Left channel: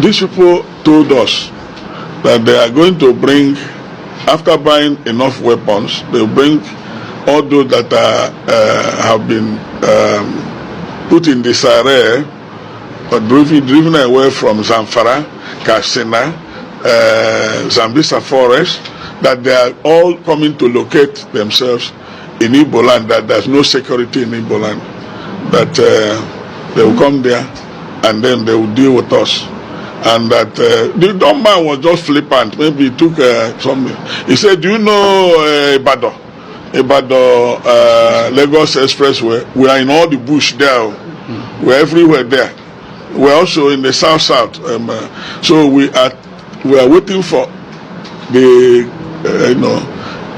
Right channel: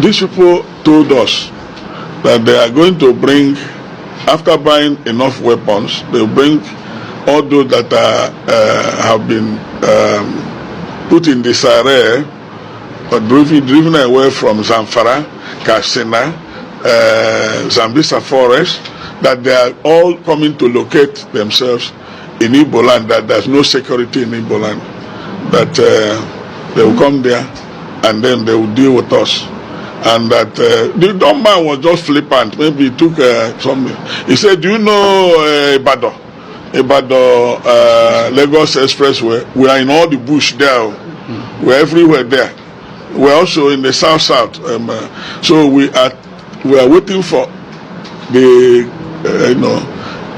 these people told us that they are going to bring, after buying enough weapons, they'll bring all those that have been put in disarray or driven away from Zamfara, Katsina, Zambisa forest, that they are all coming to locate themselves in Igbo land, that there's no security in Igbo land, that they will come there and then they will deal with us. And that the dumb man was just flippant. Maybe he took something. He said, do you know Ibadan? Lagos Expressway? We are in all the bush there. We're everywhere there. We're also in the south. So we are waiting for the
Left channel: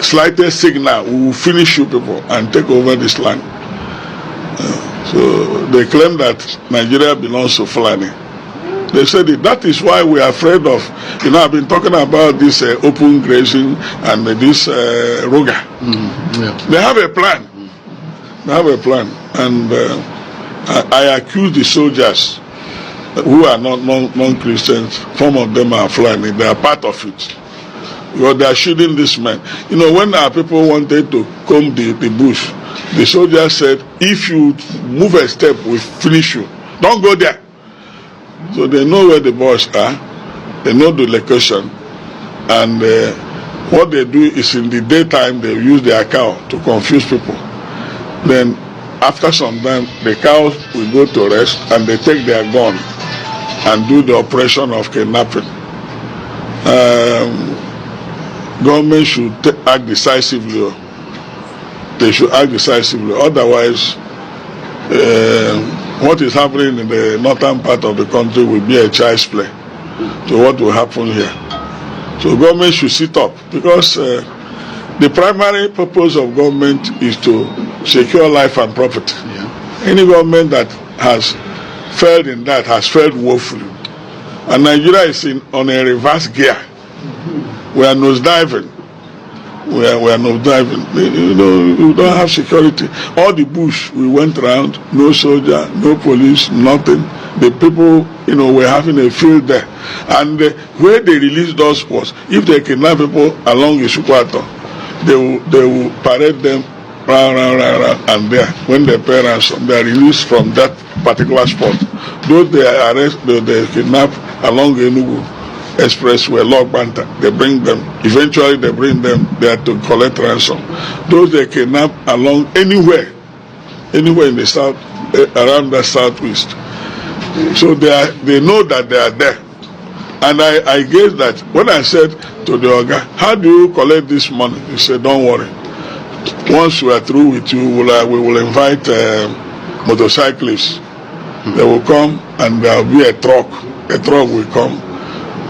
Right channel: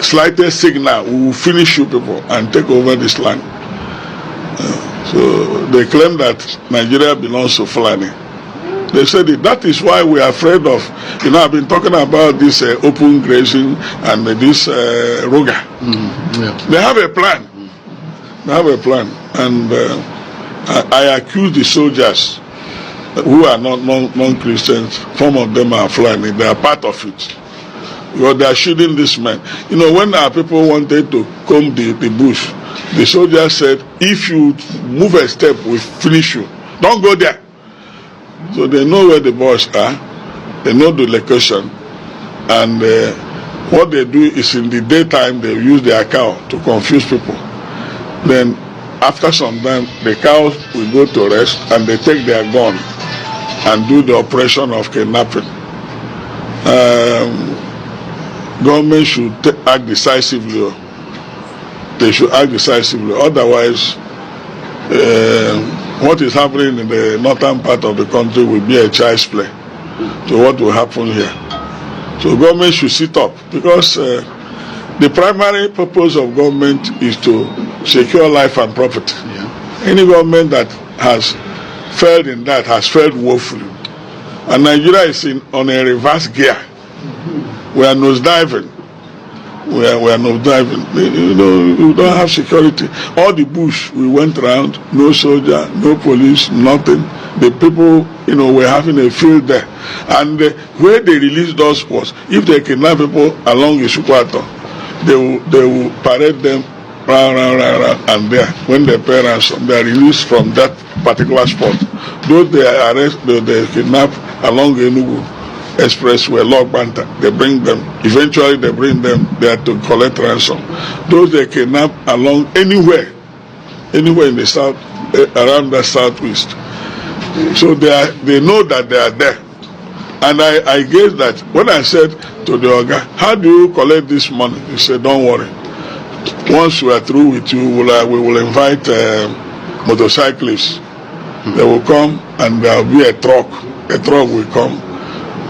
slightest signal. We will finish you people and take over this land. So they claim that Nigeria belongs to Fulani. They said that is why we are afraid of, I've been talking about this open grazing and this Roga. They have a plan. And I accuse the soldiers who are not non-Christians. Some of them are Fulani. They are part of it. Because they are shooting these men. When our people wanted to comb the bush, the soldiers said, if you move a step, we finish you. Don't go there. So they know where the boys are, they know the location, and what they do is in the daytime they use their cow to confuse people. Then after some time the cows will go to rest and they take their gun and do the operation of kidnapping. Government should act decisively. They should act decisively, otherwise what is happening in the northern part of the country will be a child's play. So what will happen here? So government should sit up, because the primary purpose of government is to secure life and property. Any government that has failed in that has failed woefully. And Nigeria is on a reverse gear. We are nosediving. We are not driving. We don't have security. All the bush we went around, no soldier, no police, nothing. The people, were having a field there. And where they released us was, if they kidnap people along Isukwato, they will parade them round, and there, when they pay ransom, they are released from that particular spot. Those they arrest, they kidnap along Enugu Expressway, Log Banta, they bring them. Eventually, they bring them there to collect ransom. Those they kidnap along anywhere in the south, around the southwest. So they know that they are there. And I guess that when I said to the Oga, how do you collect this money? He said, don't worry. Once we are through with you, we will invite motorcyclists. They will come and there will be a truck. A truck will come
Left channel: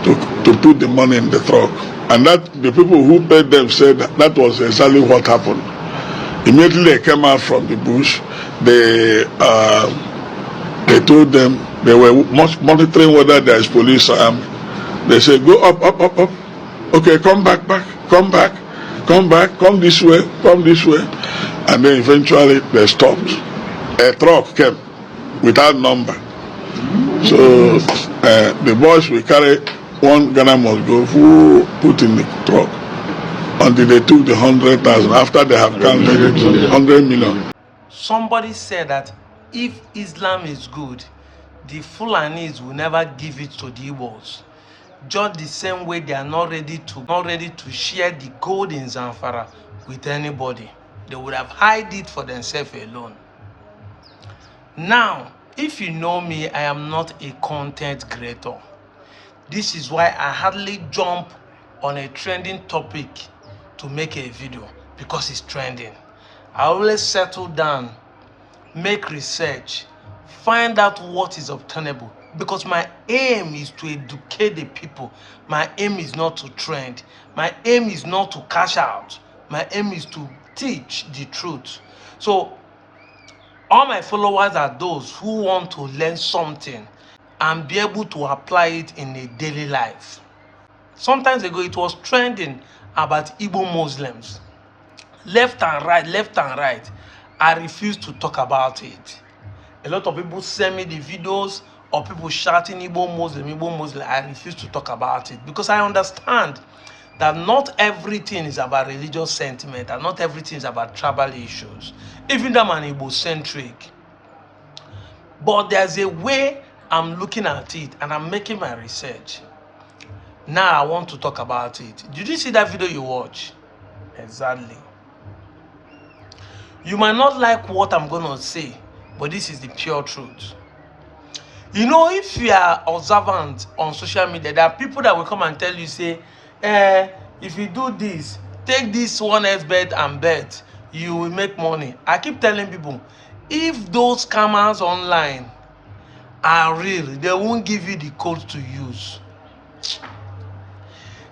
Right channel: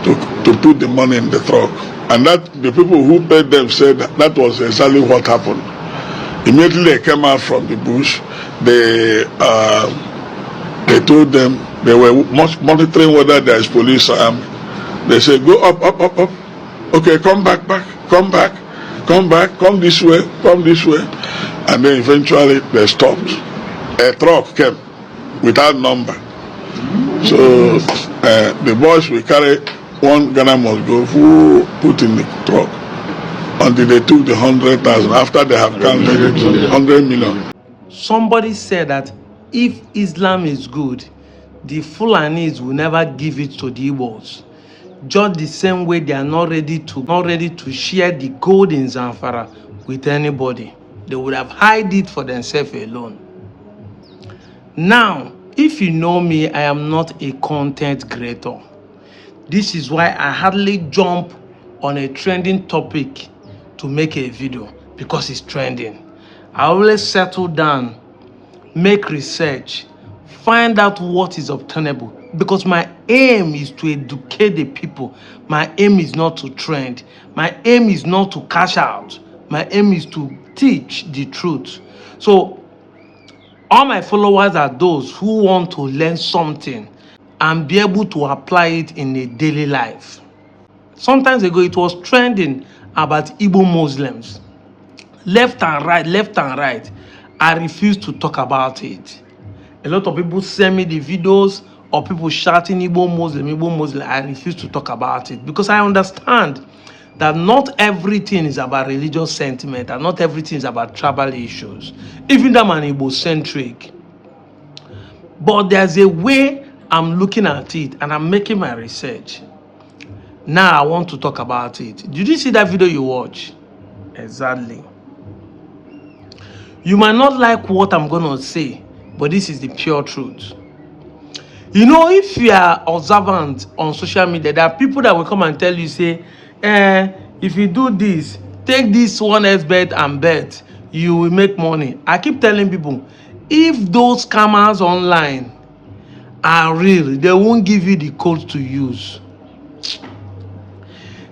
to put the money in the truck. And that the people who paid them said that was exactly what happened. Immediately they came out from the bush. They told them they were monitoring whether there is police or army. They said, go up. Okay, come back, come this way. And then eventually they stopped. A truck came without number. So the boys will carry one Ghana must go, who put in the truck until they took the 100,000 after they have counted 100 million. Somebody said that if Islam is good, the Fulanis will never give it to the Igbos. Just the same way they are not ready to share the gold in Zamfara with anybody. They would have hide it for themselves alone. Now, if you know me, I am not a content creator. This is why I hardly jump on a trending topic to make a video, because it's trending. I always settle down, make research, find out what is obtainable, because my aim is to educate the people. My aim is not to trend. My aim is not to cash out. My aim is to teach the truth. So all my followers are those who want to learn something and be able to apply it in a daily life. Sometimes ago, it was trending about Igbo Muslims. Left and right. I refuse to talk about it. A lot of people send me the videos or people shouting Igbo Muslim, I refuse to talk about it because I understand that not everything is about religious sentiment and not everything is about tribal issues, even though I'm Igbo-centric. But there's a way I'm looking at it and I'm making my research. Now I want to talk about it. Did you see that video you watch? Exactly. You might not like what I'm going to say, but this is the pure truth. You know, if you are observant on social media, there are people that will come and tell you, say, if you do this, take this 1x bet and bet, you will make money. I keep telling people, if those scammers online are real, they won't give you the code to use.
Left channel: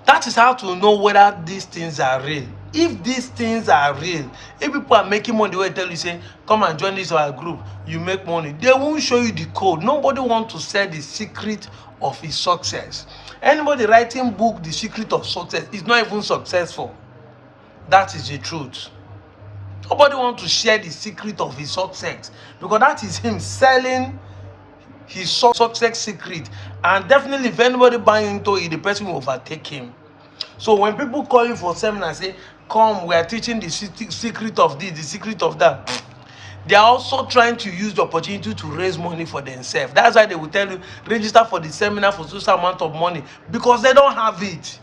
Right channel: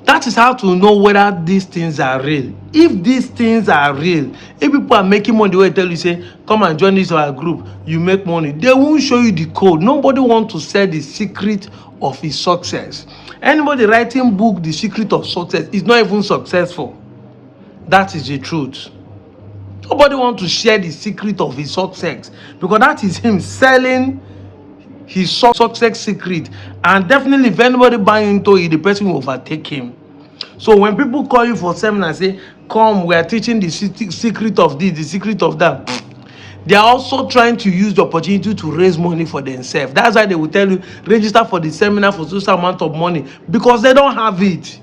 That is how to know whether these things are real. If these things are real, if people are making money, they will tell you, say, come and join this our group, you make money. They won't show you the code. Nobody wants to sell the secret of his success. Anybody writing book, The Secret of Success, is not even successful. That is the truth. Nobody wants to share the secret of his success because that is him selling his success secret, and definitely if anybody buy into it, the person will overtake him. So when people call you for seminar, say, come, we are teaching the secret of this, the secret of that, they are also trying to use the opportunity to raise money for themselves. That's why they will tell you, register for the seminar for such amount of money, because they don't have it.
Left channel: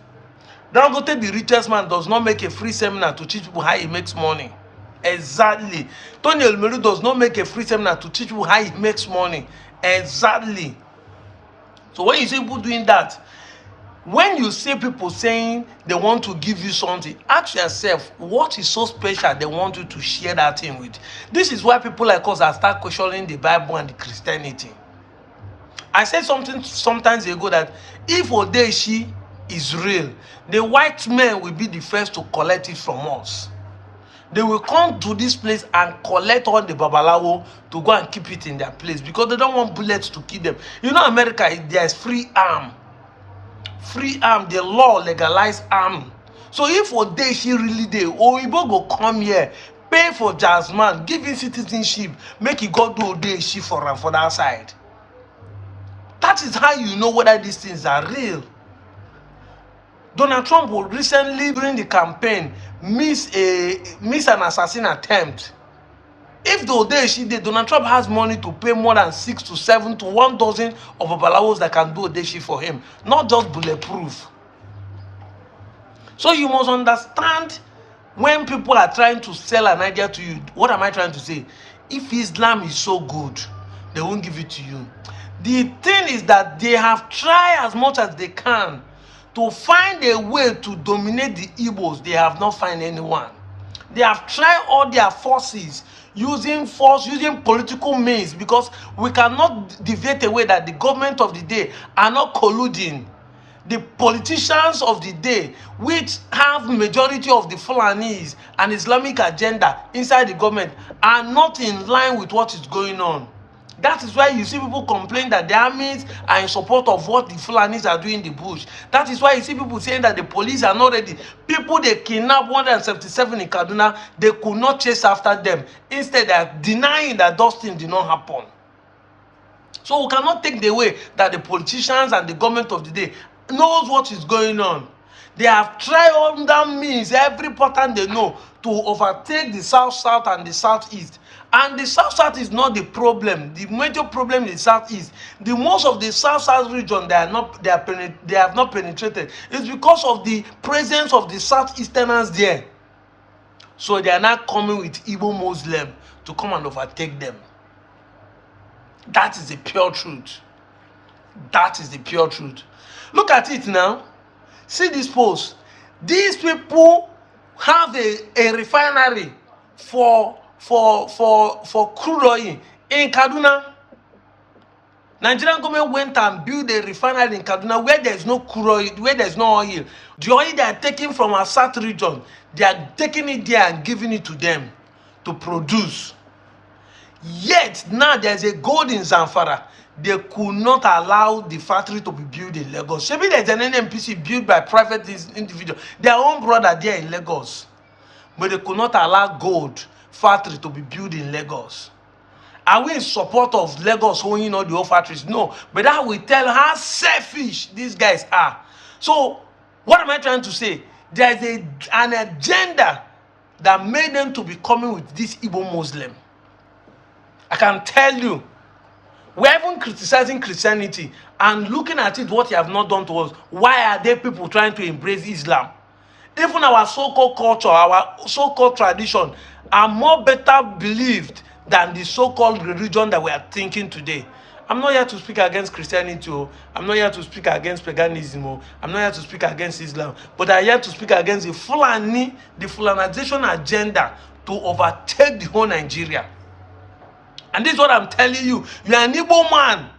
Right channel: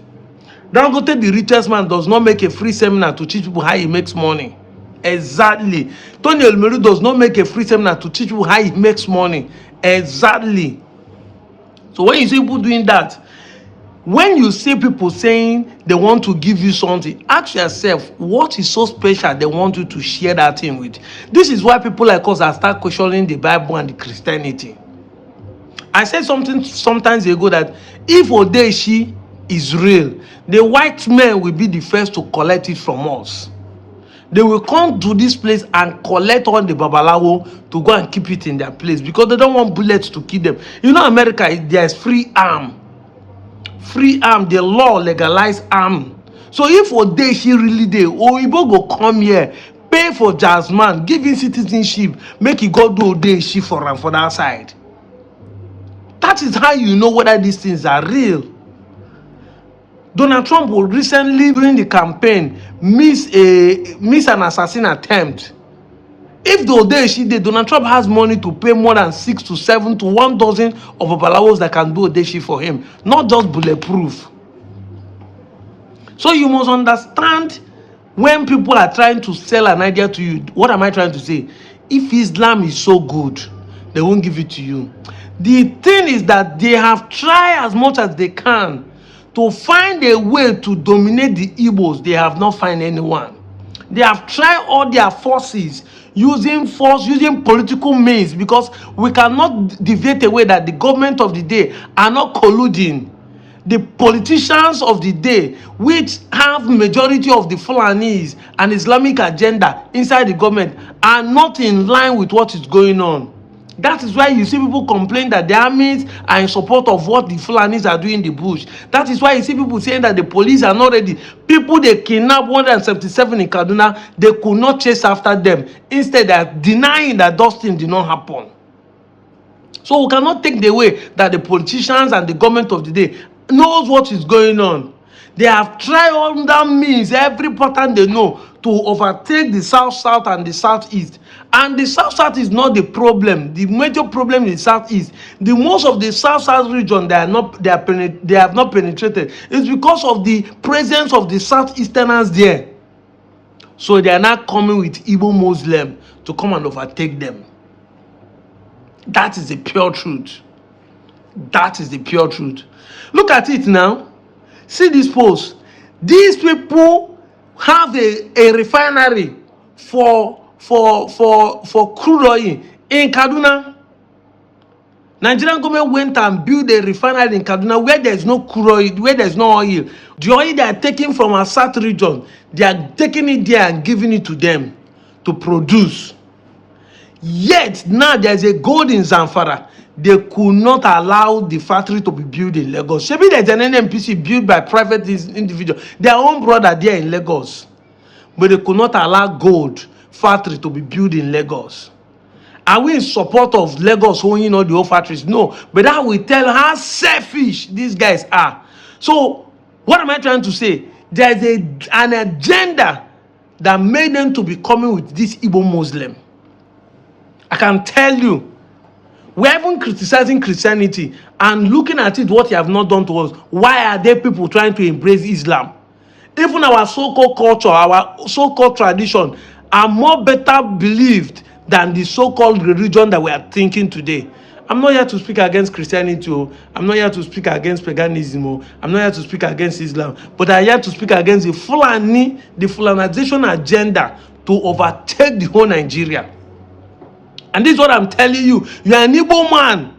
Dangote, the richest man, does not make a free seminar to teach people how he makes money. Exactly. Tony Elmeru does not make a free seminar to teach people how he makes money. Exactly. So when you see people doing that, when you see people saying they want to give you something, ask yourself, what is so special they want you to share that thing with? This is why people like us are start questioning the Bible and the Christianity. I said something sometimes ago that if Odeshi is real, the white men will be the first to collect it from us. They will come to this place and collect all the babalawo to go and keep it in their place because they don't want bullets to kill them. You know, America, there's free arm. Free arm, the law legalized arm. So if Odeshi really dey, Oyibo go come here, pay for Jasmine, give him citizenship, make he go do Odeshi for him for that side. That is how you know whether these things are real. Donald Trump will recently, during the campaign, miss an assassin attempt. If the Odeshi did, Donald Trump has money to pay more than 6 to 7 to 1 dozen of Babalawos that can do Odeshi for him, not just bulletproof. So you must understand when people are trying to sell an idea to you, what am I trying to say? If Islam is so good, they won't give it to you. The thing is that they have tried as much as they can to find a way to dominate the Igbos. They have not found anyone. They have tried all their forces, using force, using political means, because we cannot deviate away that the government of the day are not colluding. The politicians of the day, which have majority of the Fulanis and Islamic agenda inside the government, are not in line with what is going on. That is why you see people complain that the armies are in support of what the Fulanis are doing in the bush. That is why you see people saying that the police are not ready. People they kidnapped 177 in Kaduna, they could not chase after them. Instead, they are denying that those things did not happen. So we cannot take the way that the politicians and the government of the day knows what is going on. They have tried all that means, every pattern they know, to overtake the South and the Southeast. And the South is not the problem. The major problem is Southeast. The most of the South region they have not penetrated. It's because of the presence of the Southeasterners there. So they are not coming with Igbo Muslim to come and overtake them. That is the pure truth. That is the pure truth. Look at it now. See this post. These people have a refinery for crude oil in Kaduna. Nigerian government went and built a refinery in Kaduna where there is no crude oil, where there is no oil. The oil they are taking from our south region, they are taking it there and giving it to them to produce. Yet now there is a gold in Zamfara. They could not allow the factory to be built in Lagos. Maybe there's an NNPC built by private individual, their own brother there in Lagos. But they could not allow gold factory to be built in Lagos. Are we in support of Lagos owning all the old factories? No. But that will tell how selfish these guys are. So, what am I trying to say? There is an agenda that made them to be coming with this Igbo Muslim. I can tell you, we're even criticizing Christianity and looking at it, what you have not done to us. Why are there people trying to embrace Islam? Even our so-called culture, our so-called tradition are more better believed than the so-called religion that we are thinking today. I'm not here to speak against Christianity. I'm not here to speak against paganism. I'm not here to speak against Islam. But I'm here to speak against the Fulanization agenda to overtake the whole Nigeria. And this is what I'm telling you. You are an Igbo man.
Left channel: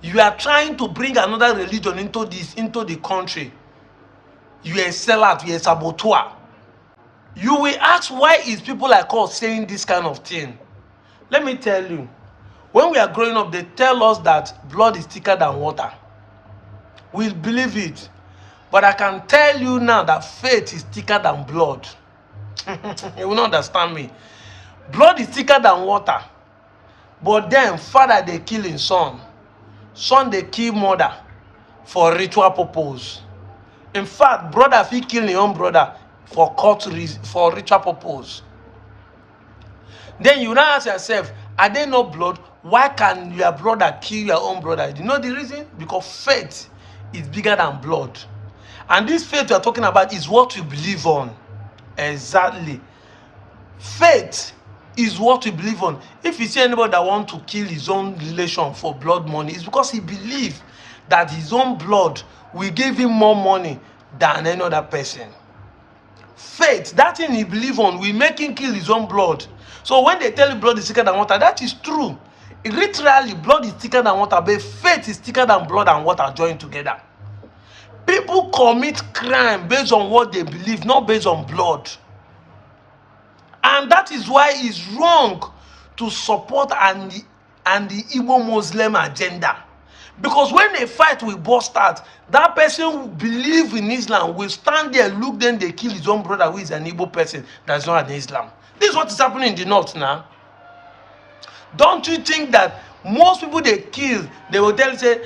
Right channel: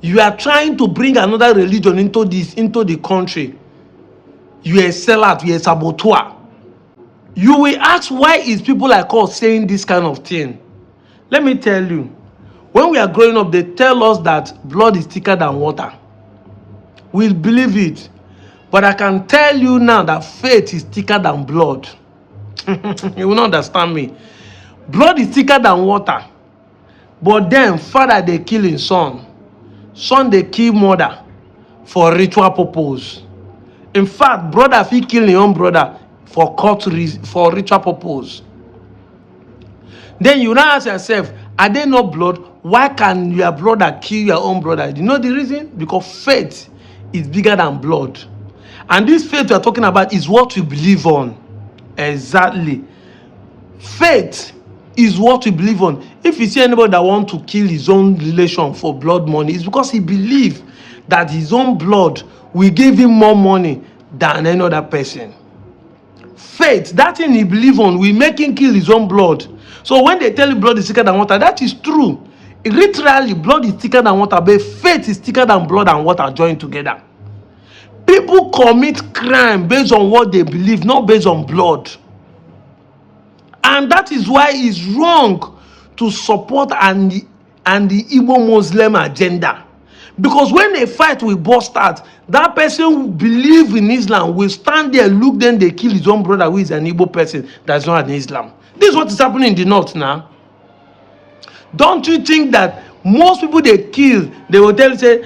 You are trying to bring another religion into the country. You are a sellout. You are a saboteur. You will ask, why is people like us saying this kind of thing? Let me tell you. When we are growing up, they tell us that blood is thicker than water. We believe it. But I can tell you now that faith is thicker than blood. You will not understand me. Blood is thicker than water. But then, father, they kill his son. Son, they kill mother for ritual purpose. In fact, brother, if he kill his own brother for for ritual purpose. Then you now ask yourself, are they not blood? Why can your brother kill your own brother? You know the reason? Because faith is bigger than blood. And this faith we are talking about is what we believe on. Exactly. Faith is what we believe on. If you see anybody that wants to kill his own relation for blood money, it's because he believes that his own blood will give him more money than any other person. Faith, that thing he believes on, will make him kill his own blood. So when they tell you blood is thicker than water, that is true. Literally, blood is thicker than water, but faith is thicker than blood and water joined together. People commit crime based on what they believe, not based on blood. And that is why it's wrong to support the Igbo Muslim agenda. Because when a fight will burst out, that person who believes in Islam will stand there, look, then they kill his own brother who is an Igbo person that's not an Islam. This is what is happening in the north now. Don't you think that most people they kill, they will tell you, say,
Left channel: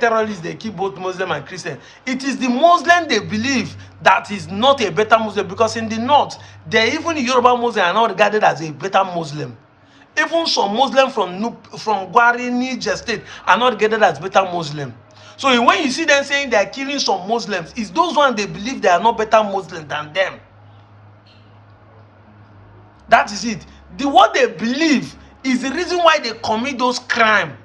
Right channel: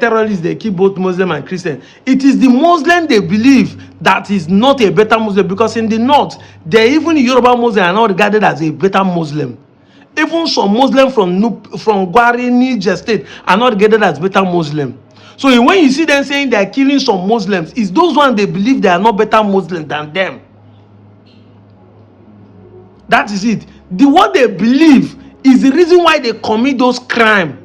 terrorists, they kill both Muslim and Christian. It is the Muslim they believe that is not a better Muslim, because in the north, even Yoruba Muslims are not regarded as a better Muslim. Even some Muslims from Gwari, Niger State are not regarded as better Muslim. So when you see them saying they are killing some Muslims, it's those ones they believe they are not better Muslim than them. That is it. What they believe is the reason why they commit those crimes.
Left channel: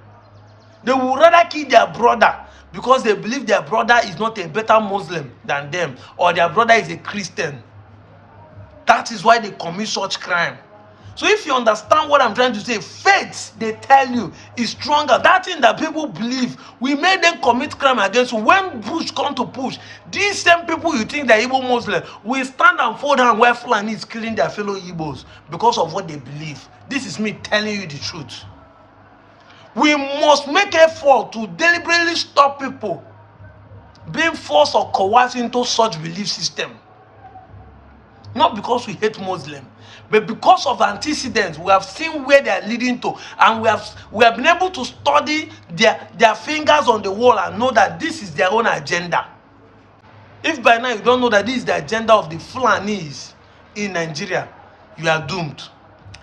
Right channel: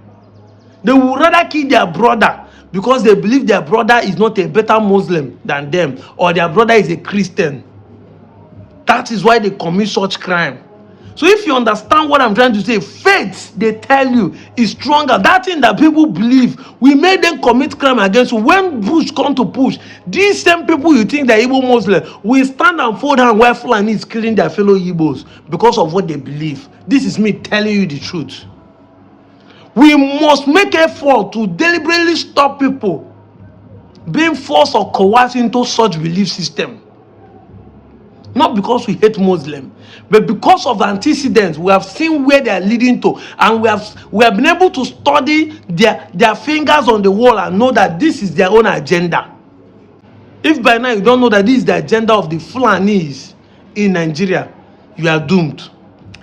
They would rather kill their brother because they believe their brother is not a better Muslim than them, or their brother is a Christian. That is why they commit such crime. So if you understand what I'm trying to say, faith, they tell you, is stronger. That thing that people believe, we made them commit crime against you. When push come to push, these same people you think they're Igbo Muslim will stand and fold hand while Fulani is killing their fellow Igbos because of what they believe. This is me telling you the truth. We must make effort to deliberately stop people being forced or coerced into such belief system. Not because we hate Muslims, but because of the antecedents we have seen where they are leading to, and we have been able to study their fingers on the wall and know that this is their own agenda. If by now you don't know that this is the agenda of the Fulanis in Nigeria, you are doomed.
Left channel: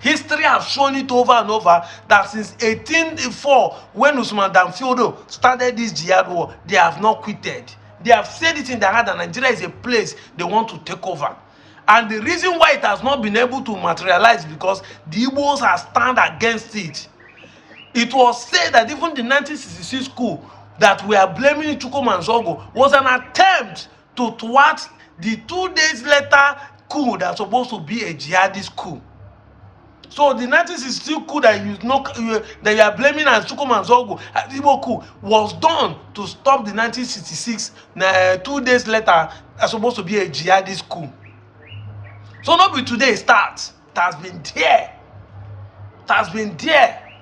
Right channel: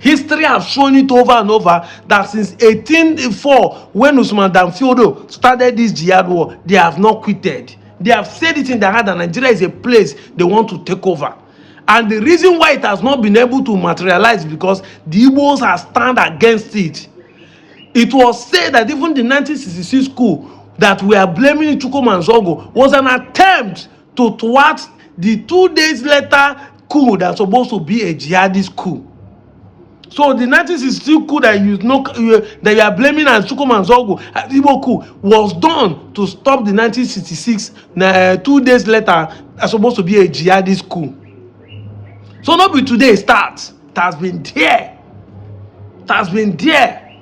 History has shown it over and over that since 1804, when Usman Dan Fodio started this jihad war, they have not quitted. They have said it in their heart that Nigeria is a place they want to take over. And the reason why it has not been able to materialize is because the Igbos have stand against it. It was said that even the 1966 coup that we are blaming Chukwuma and Zongo was an attempt to thwart the 2 days later coup that's supposed to be a jihadist coup. So the 1962 coup that you are blaming as Chukwuma and Zongo, Igbo coup, was done to stop the 1966 2 days later that's supposed to be a jihadist coup. So not be today it starts. It has been there. It has been there.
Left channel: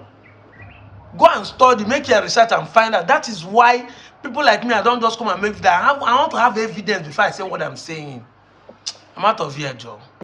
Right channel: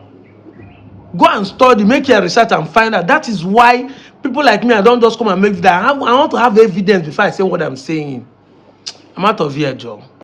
Go and study, make your research and find out. That is why people like me, I don't just come and make that. I want to have evidence before I say what I'm saying. I'm out of here, Joe.